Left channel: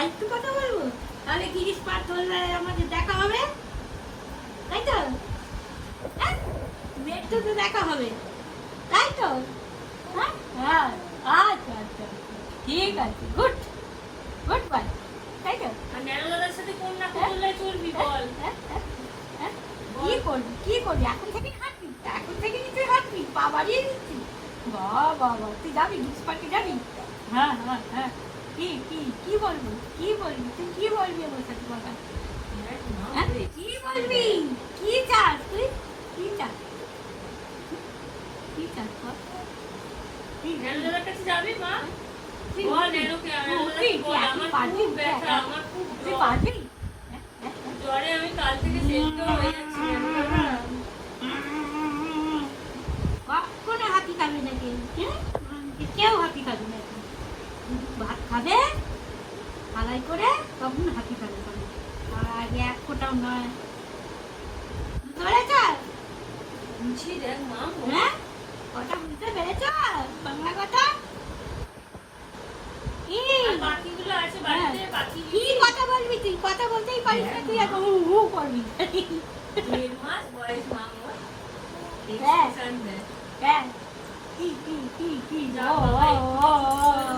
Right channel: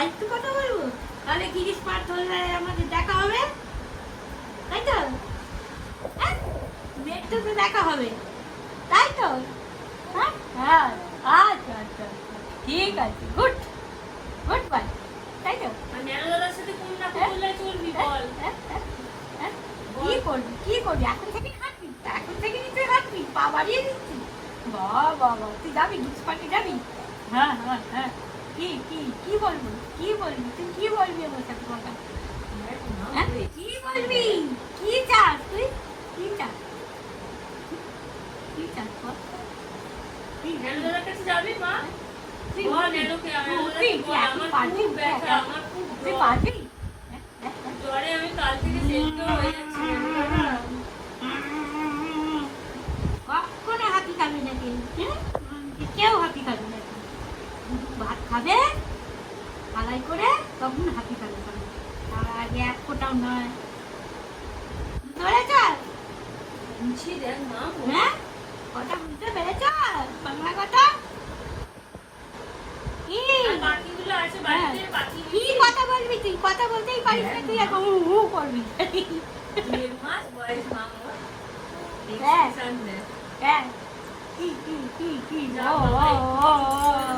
আর একটু কথা বলব? তাহলে তিরিশ পার ধরলে আমাদের দেখা হবে? তাই তো? হ্যাঁ? মেট্রো তো দেখা হবে। তাই তো? হ্যাঁ? হ্যাঁ। আচ্ছা আচ্ছা আচ্ছা। ঠিক আছে। গুড। গুড বাই তাই তো? হ্যাঁ, হ্যাঁ, হ্যাঁ। কি করবি? কি করবি? এখন থেকে হাঁটবি? এখন থেকে তুই হাঁটবি? পা বাড়িয়ে দিচ্ছি? বাবা বাবা তুই যাবি? গিফট পার্টি যাবি? হ্যাঁ হ্যাঁ হ্যাঁ। কি কি কি বলবি কি বলবি তুই কি বলবি আমার সাথে কথা হ্যাঁ? কি বলবি কি চাস তুই কি চাস কি চাস বল? কি ন্যানোদাদার কাছে যাবি মা তুই বল বলবি। ন্যানোকে আমি তুই তুই তুই আমার পারবি খুব ব্যথা, আমার খুব তুই জ্বর। পারবি হ্যাঁ, হ্যাঁ, হ্যাঁ। জ্বরে আমি কাল থেকে সেদ্ধ হয়ে যাচ্ছি ন্যানোদাদা। কখনো হাতি খাবি না কিন্তু হ্যাঁ? উম, কেউ হাতি খাবি না ভাত খাবে হালাই করে তখন হাতি খাবে খাবে। আর আগে এক ফোটাও নয়। বুঝতে পেরেছ হ্যাঁ? কথা বুঝতে পেরেছ বাংলা কথা? কি? কি কথা বলবি তুই? কথা বলতেই পারিস না তুই এখন হু করবি। হ্যাঁ। হ্যাঁ কি কি কি কি? যা ও, ও, ও,